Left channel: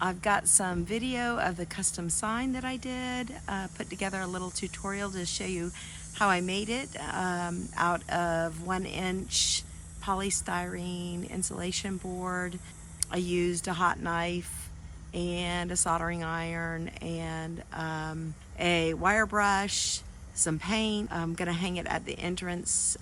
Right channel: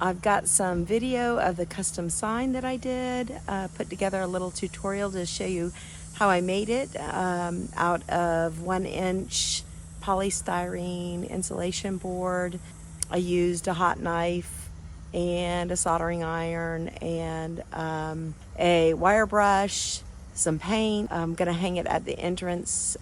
I've got some video of the custom sign that I did, put together a little tutorial to show you how I made it out of 1-inch polystyrene insulation board. I used a hot knife and a soldering iron and a wire brush, some paint. I'm gonna hang it at the entrance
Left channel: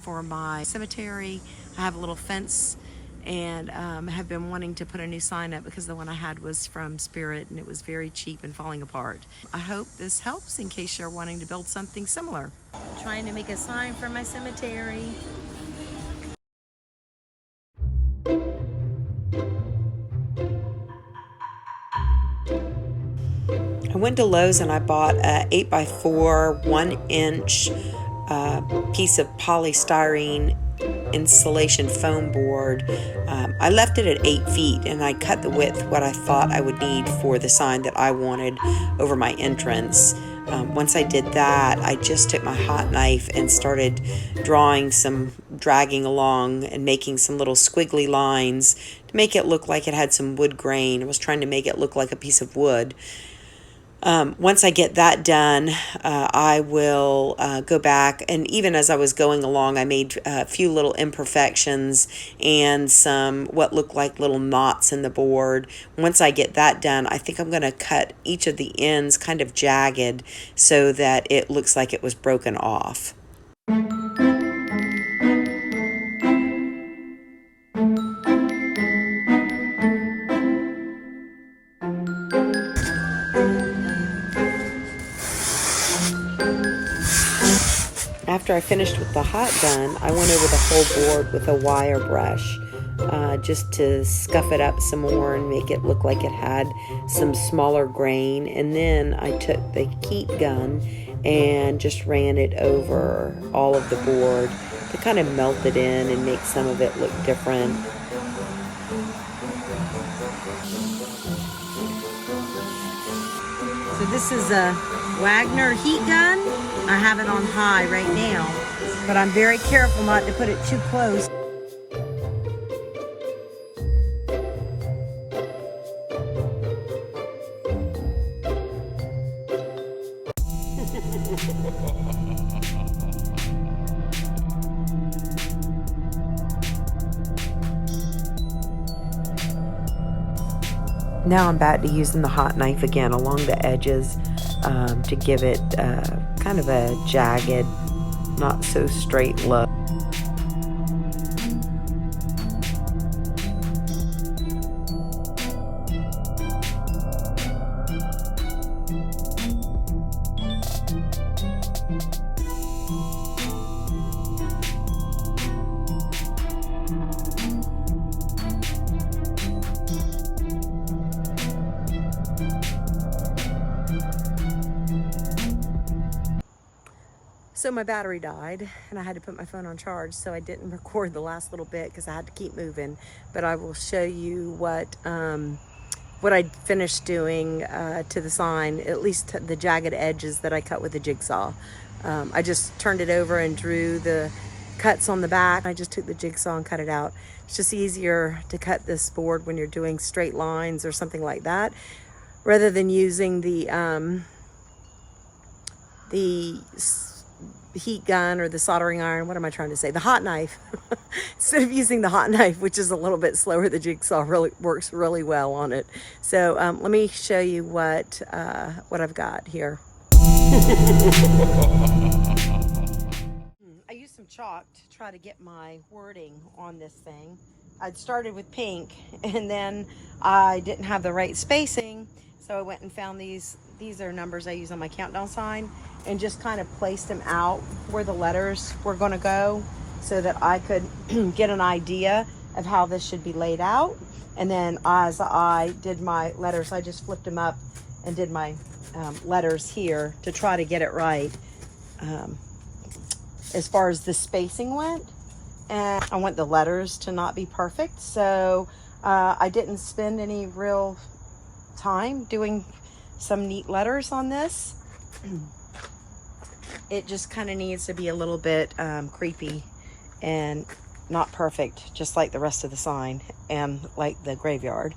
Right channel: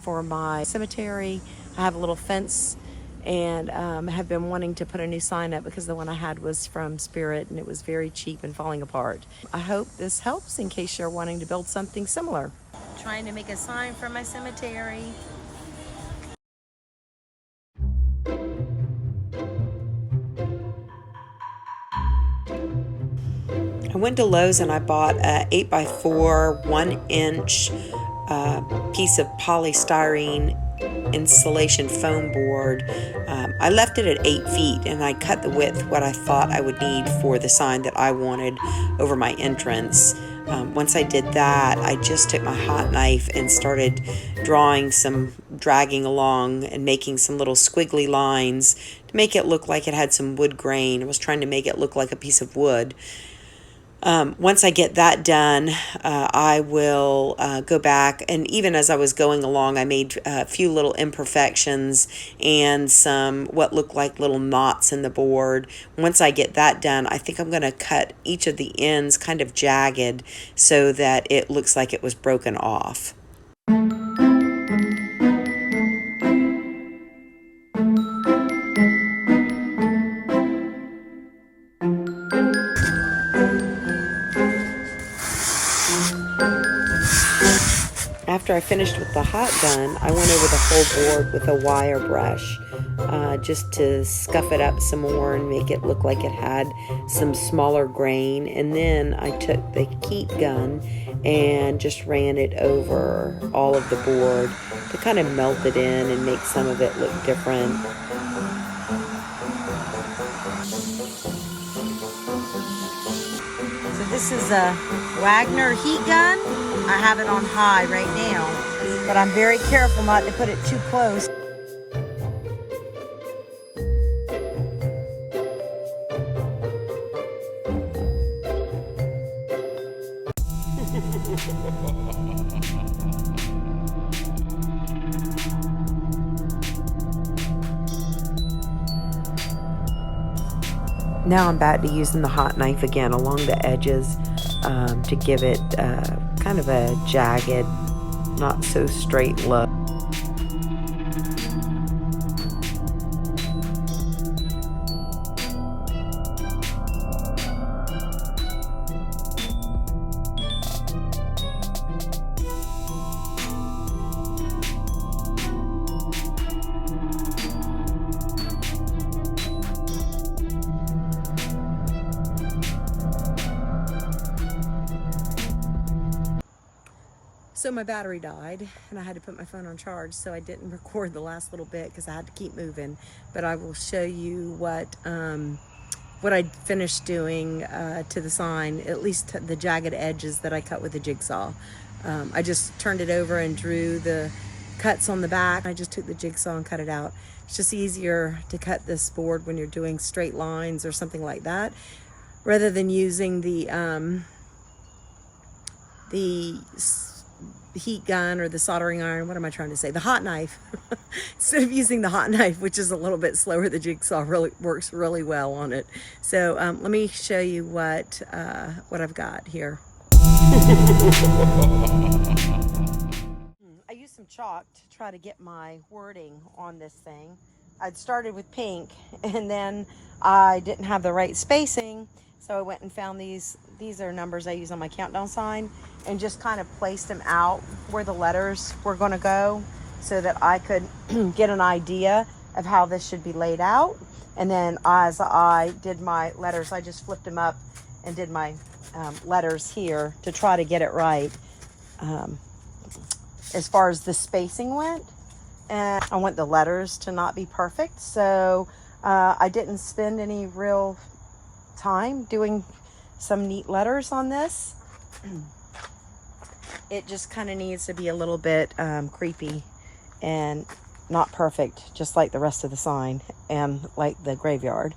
for my cemetery. I have a little fence and have been wanting to put a new sign up because the one I had was from Spirit and it was very cheap and falling apart. I hope this helps in case you're wanting to build something similar. Trying to make a sign for my cemetery. I went to Lowe's and I bought a 8x4 1-inch piece of polystyrene insulation foam board. I left it at 8 feet and I cut the width what I thought I would need for the sign that I wanted over my entrance. Once I did that, I just took my hot knife and started dragging along and making some little squiggly lines to make it look like it had some wood grain. I was trying to make it look like a piece of wood. Once I get that done, I will go back, and even as I was going along, I made a few little imperfections and some what looked like little knots in the board. Once I get that done, I think I'm going to cut each of the ends kind of jagged so that it looks like it was broken off. After I finished with the hot gun, I went over the whole board with a wire brush just to scuff it up some more and make it look like it had some smaller grain. And then I took the heat gun and just ran it over all of the board to kind of melt it in and make some of it look different. So this is a Wagner heat gun. I have it on high right now, but I'm very careful not to put it too close. Now I'm back to using the hot knife again along the edges to give it kind of a jagged, not so straight look. So my battery died and I had to put my phone on charge, so I didn't record the last little bit because I had to keep moving. But I will show you what I finished doing to the sign, at least the jagged edges that I cut with the jigsaw. I just turned it over and drew the cuts on the back. I just took the jigsaw and cut it out. It's just easier to cut this board when you're doing straight lines or something like that, rather than using the heat gun or the soldering iron. What am I trying to say? The hot knife. Instead of using the hot knife, which is a little bit slower, the jigsaw really works really well on it. So let me show you what I've got here. I used some chalk to try to get my wording on this thing. I'd started with pink and then I didn't have the right spacing, so I went and found these are numbers I use on my countdown sign, and just kind of placed them out where the letters were going to go so that I could get an idea of how this should be laid out. And then as I did my letters, I just flipped them up and did my letters here to try to get it right as far as the spacing went. And I want the letters to not be perfect, so I didn't spend any real time doing some neat letters on this. It just kind of needs to be a little bit creepy and not perfect, just like the rest of the sign and like the graveyard.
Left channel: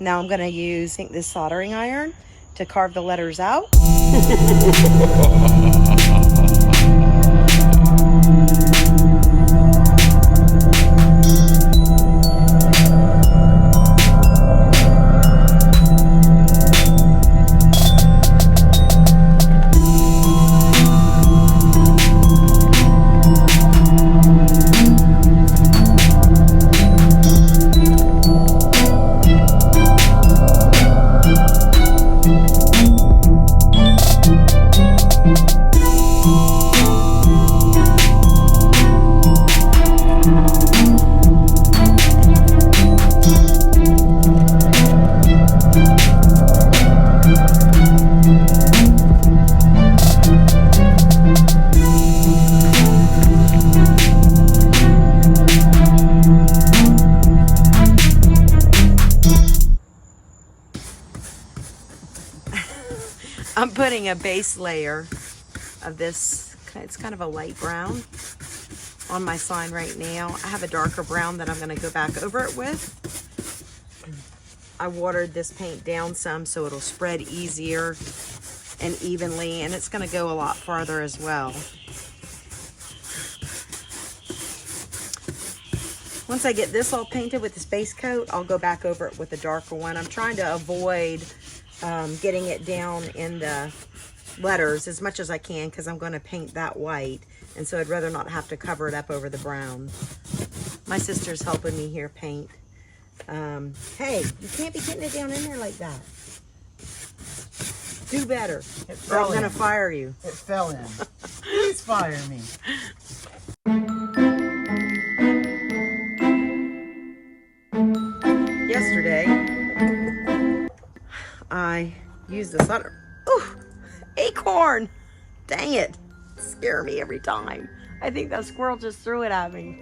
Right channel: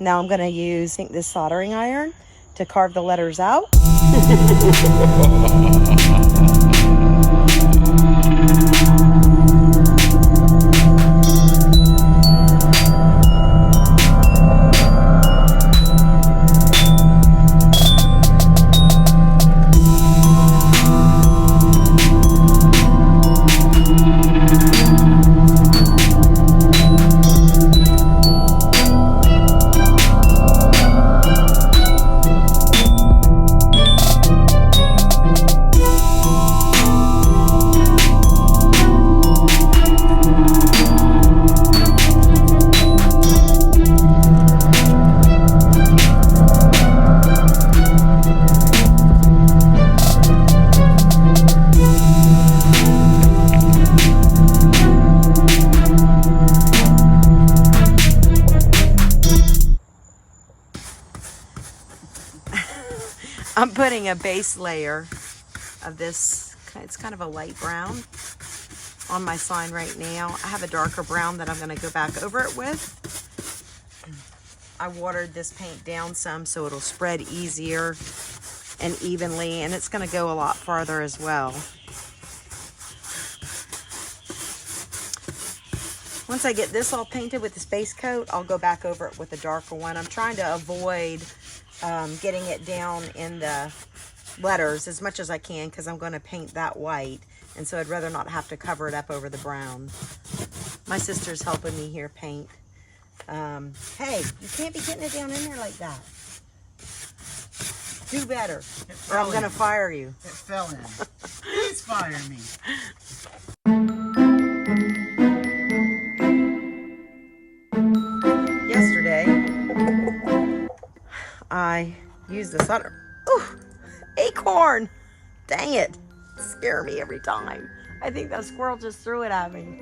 Now I'm going to use, I think, this soldering iron to carve the letters out. I'm putting a base layer of this, it's kind of a light brown, on my sign right now. I have a darker brown that I'm going to go back over it with. I watered this paint down some so it'll spread easier and evenly, and it's going to go a lot farther as well. Once I get this all painted with this base coat, I'll go back over it with a darker one. I'm trying to avoid getting it down in the letters as much as I can, because I'm going to paint that white, and so I'd rather not have to cover it up over the brown. My sister's helping me here paint. Hey, you can't be getting it down in there like that. Do better, or I'm going to fire you. It fell in. Please fire me. Yesterday, I used this other. Oh, acorn! Dang it! Scare me every time. I think that squirrel just threw it at me.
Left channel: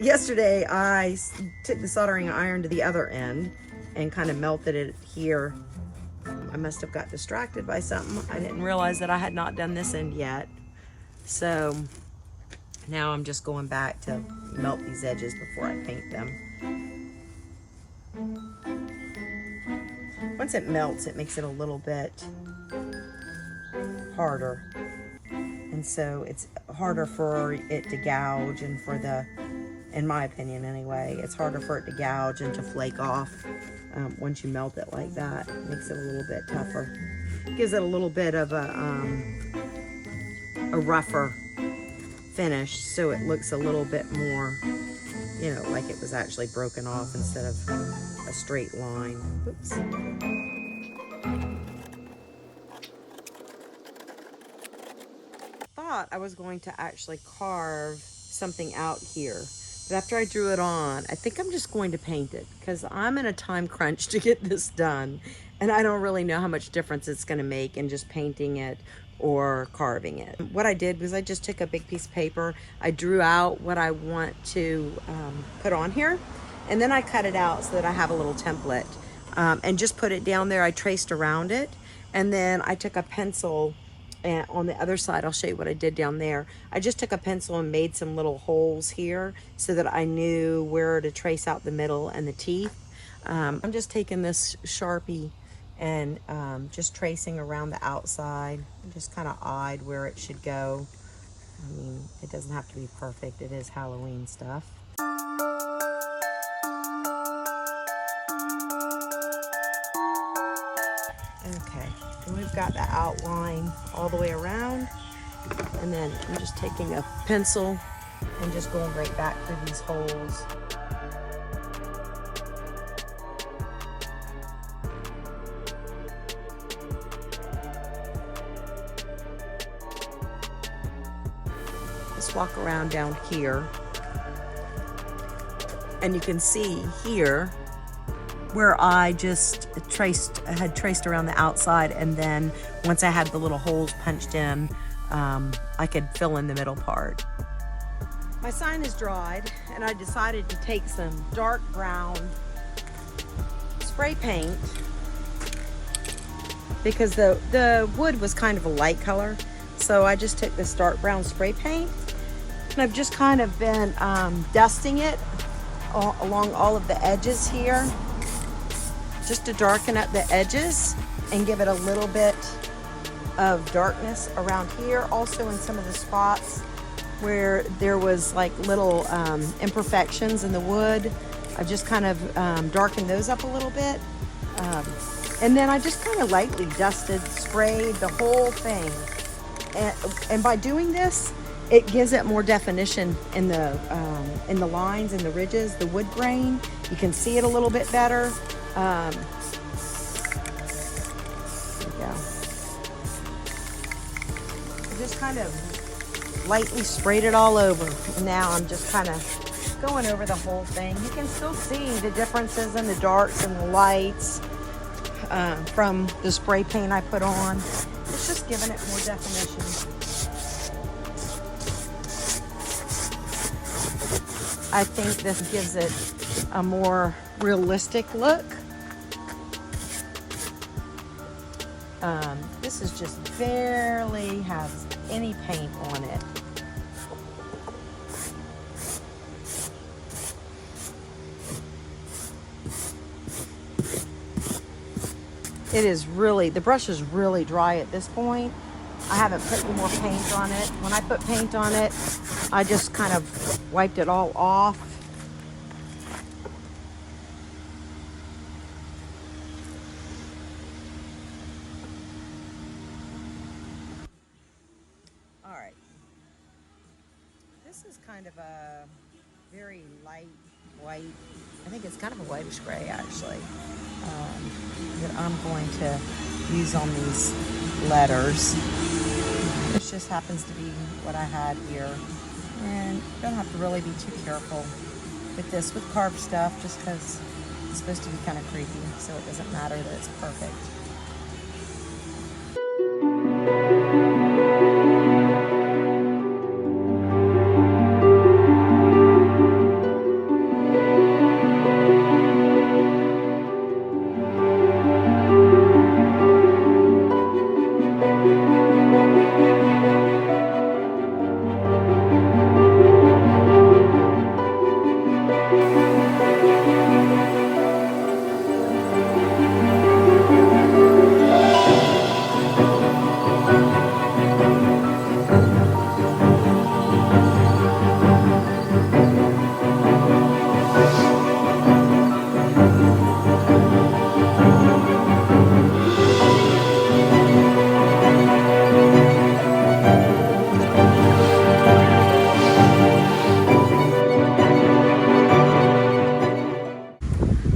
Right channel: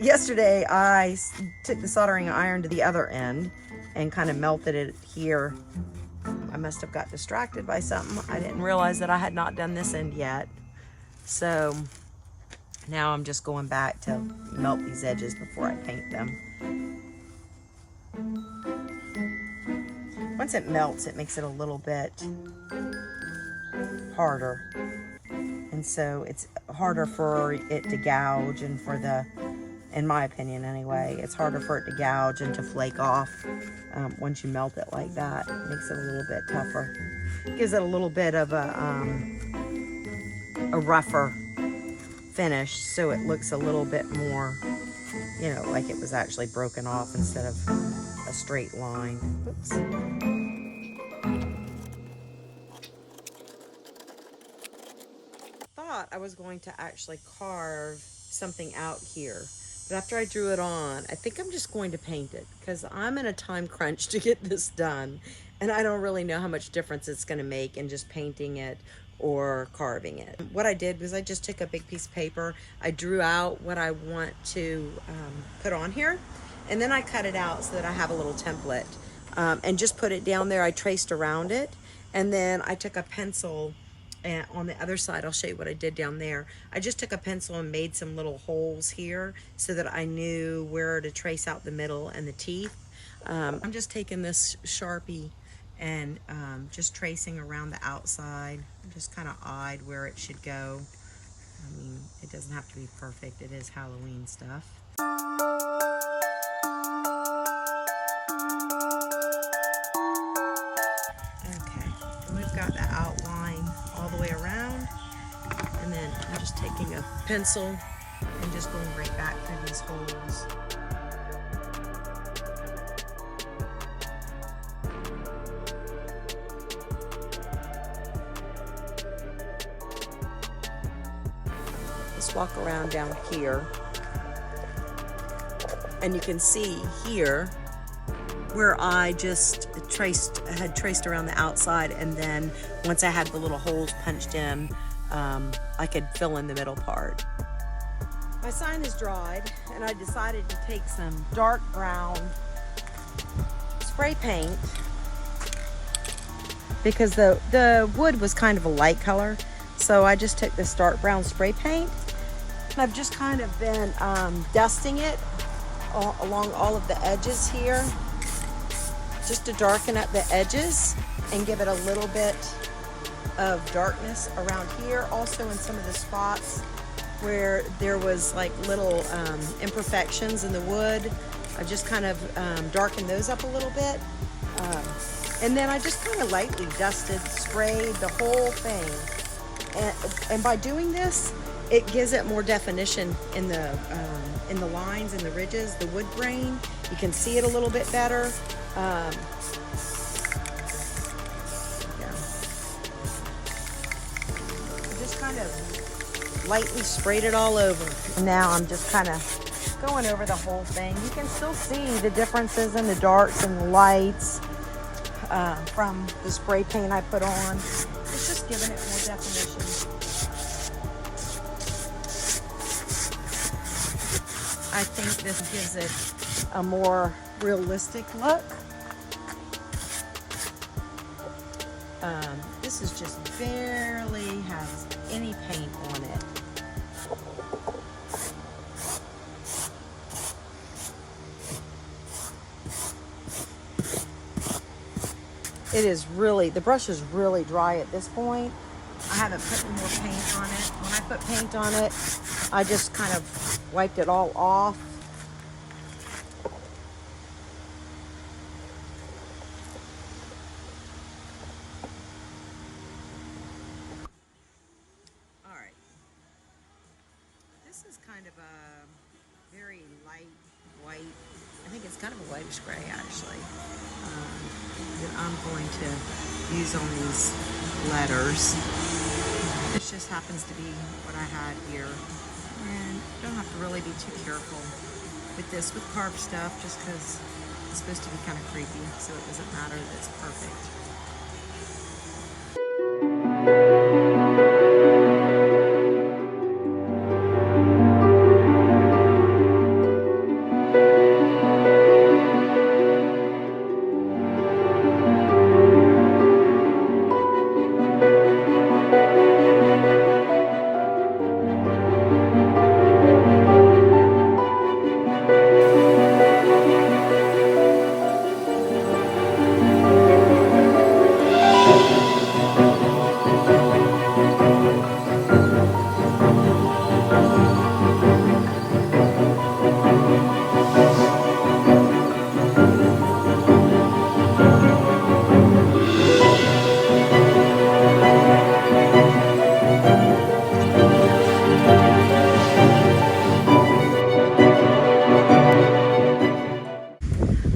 Yesterday, I took the soldering iron to the other end and kind of melted it here. I must have got distracted by something. I didn't realize that I had not done this end yet. So now I'm just going back to melt these edges before I paint them. Once it melts, it makes it a little bit harder. And so it's harder for it to gouge, and for the, in my opinion anyway, it's harder for it to gouge and to flake off once you melt it like that. It makes it a little bit tougher. Gives it a little bit of a rougher finish, so it looks a little bit more, you know, like it was actually broken off instead of a straight line. Oops. I was going to actually carve something out here, but after I drew it on, I think I'm just going to paint it, because I'm in a time crunch to get this done, and I don't really know how much difference it's going to make in just painting it or carving it. What I did was I just took a big piece of paper, I drew out what I want to put on here, and then I cut it out so that I have a little template, and just put it down there. I traced around it, and then I took a pencil. And on the other side, I'll show you what I did down there. I just took a pencil and made some little holes here so that I knew where to trace out the middle and the teeth. I'm just taking this Sharpie and just tracing around the outside. I just kind of eyed where it should go. I mean, it doesn't have to be perfect. It is Halloween stuff. We've got the outline all the way around, and then I'm just taking a pencil and just going right back through these holes. Let's walk around down here, and you can see here where I just had traced around the outside, and then once I had the little holes punched in, I could fill in the middle part. My sign is dried, and I decided to take some dark brown spray paint, because the wood was kind of a light color, so I just took this dark brown spray paint, and I've just kind of been dusting it along all of the edges here, just to darken up the edges and give it a little bit of darkness around here. Also in some of the spots where there was like little imperfections in the wood, I just kind of darkened those up a little bit. And then I just kind of lightly dusted, sprayed the whole thing. And by doing this, it gives it more definition in the lines and the ridges, the wood grain. You can see it a little bit better. Just kind of lightly sprayed it all over. Now I'm just kind of going over the whole thing. You can still see the differences in the darks and the lights from the spray paint I put on. It's just giving it more definition. I think this gives it a more realistic look. This is just barely has any paint on it. It is really, the brush is really dry at this point. I haven't put any more paint on it. When I put paint on it, I just kind of wiped it all off. All right. This is kind of a very light white. I think it's kind of a whitish gray actually. That I'm going to use on these letters. This just happens to be what I had here. And you don't have to really be too careful with this, with carved stuff, just because it's supposed to be kind of creepy, so it doesn't matter that it's perfect.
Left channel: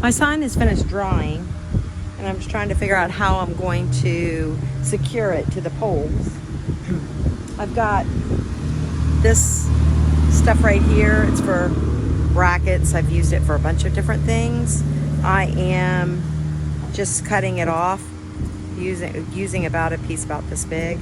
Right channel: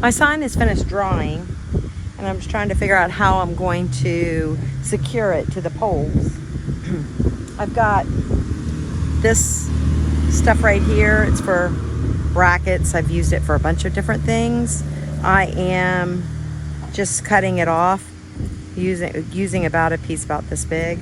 My sign is finished drawing, and I'm just trying to figure out how I'm going to secure it to the poles. I've got this stuff right here. It's for brackets. I've used it for a bunch of different things. I am just cutting it off, using about a piece about this big.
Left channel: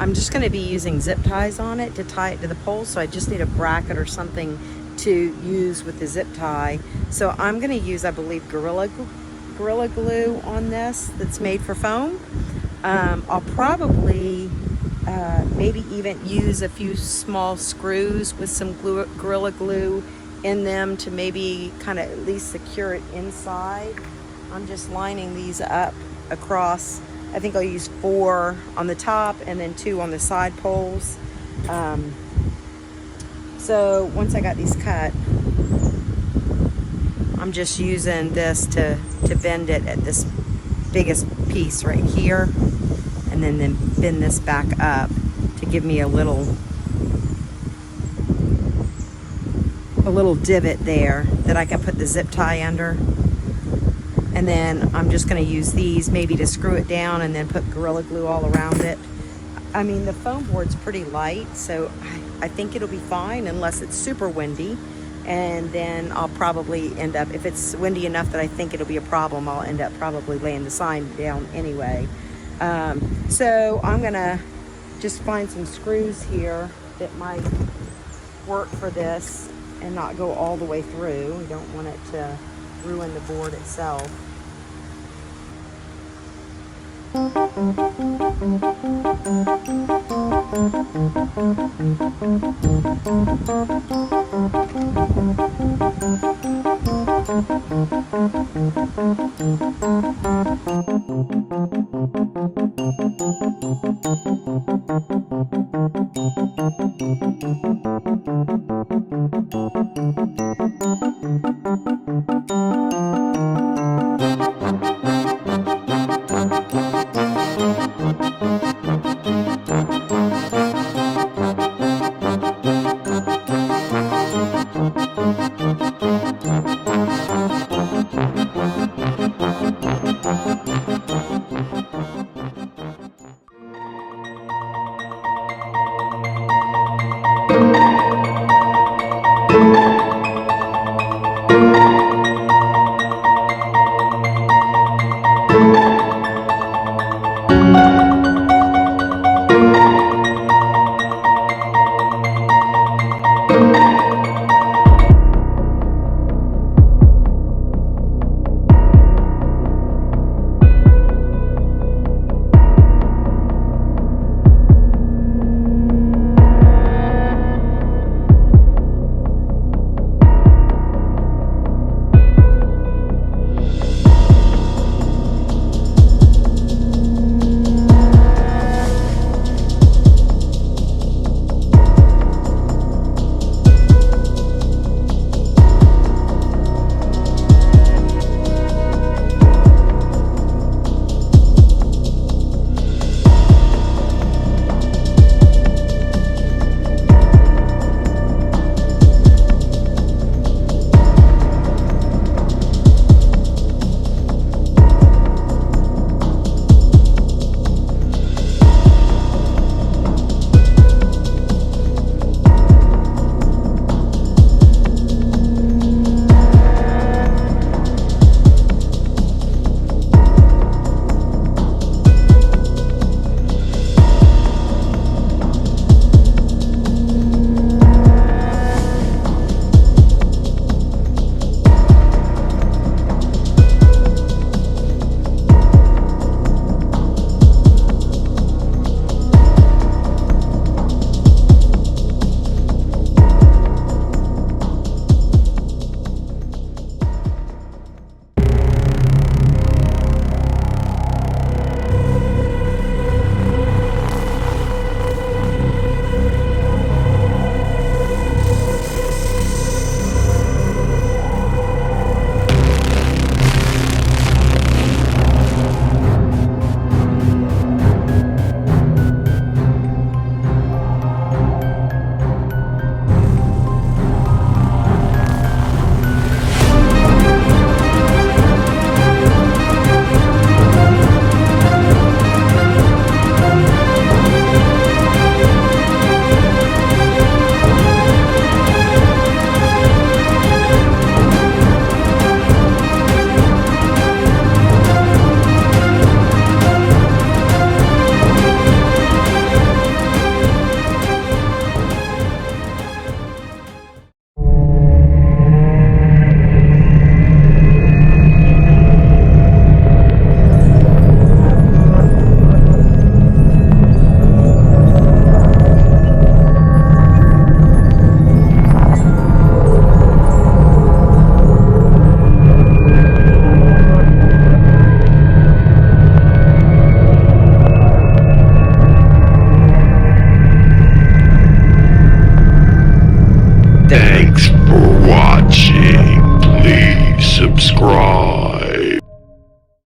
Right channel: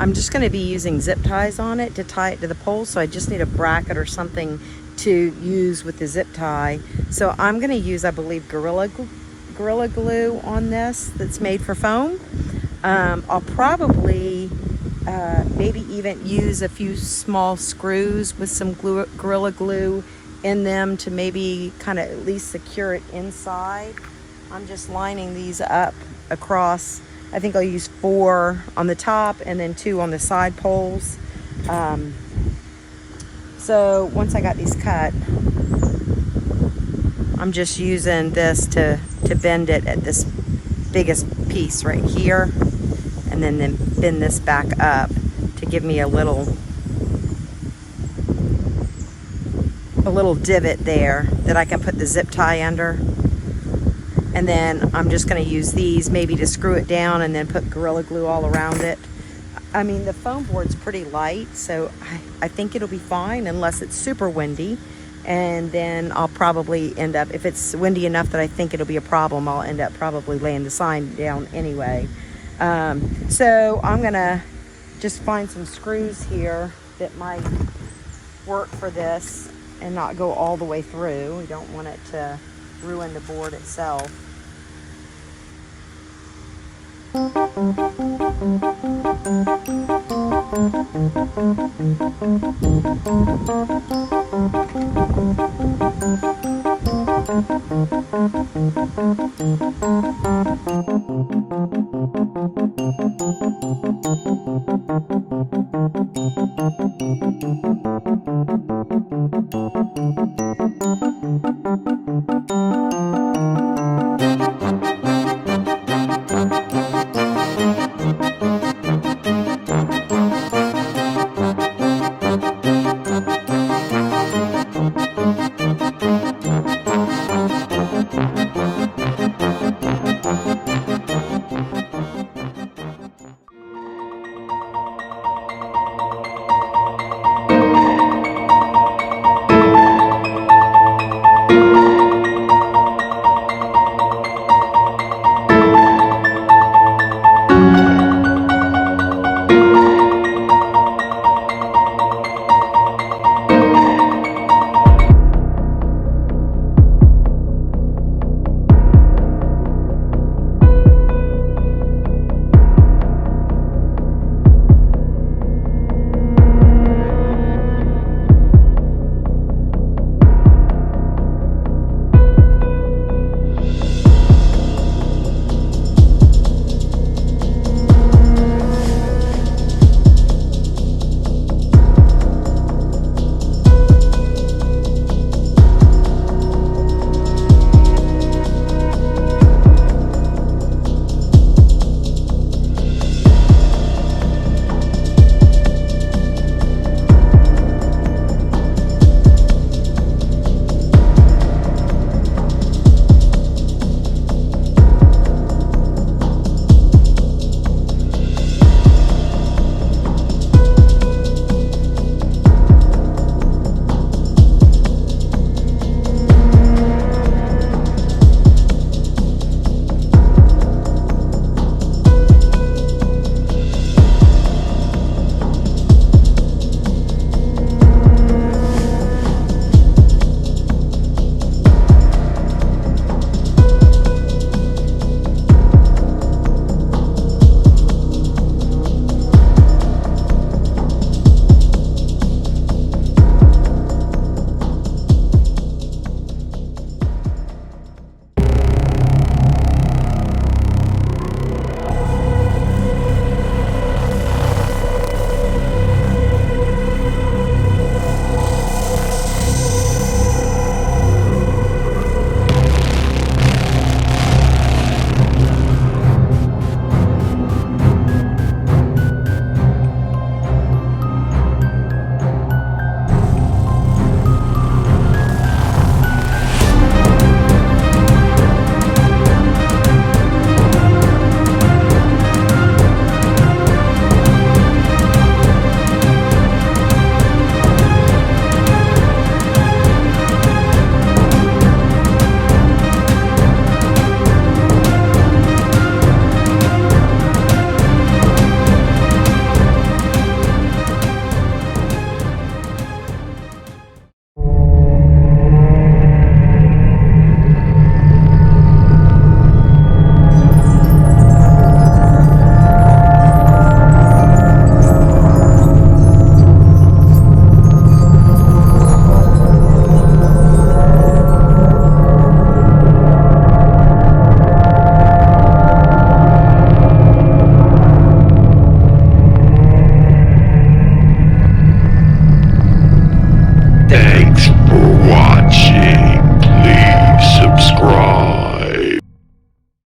I'm just going to be using zip ties on it to tie it to the pole, so I just need a bracket or something to use with the zip tie. So I'm going to use, I believe, Gorilla Glue on this that's made for foam. I'll probably maybe even use a few small screws with some Gorilla Glue in them to maybe kind of at least secure it inside. I'm just lining these up across. I think I'll use 4 on the top and then 2 on the side poles. So once I got these cut, I'm just using this to bend it at this biggest piece right here, and then bend this back up to give me a little divot there that I can put the zip tie under. And then I'm just going to use these maybe to screw it down and then put Gorilla Glue all around it. I mean, the foam board's pretty light, so I think it'll be fine unless it's super windy. And then I'll probably end up, if it's windy enough that I think it'll be a problem, I'll end up probably laying the sign down anyway. So I'm going to just find some screws here that might work for this and not go all the way through. You don't want it to ruin the board itself.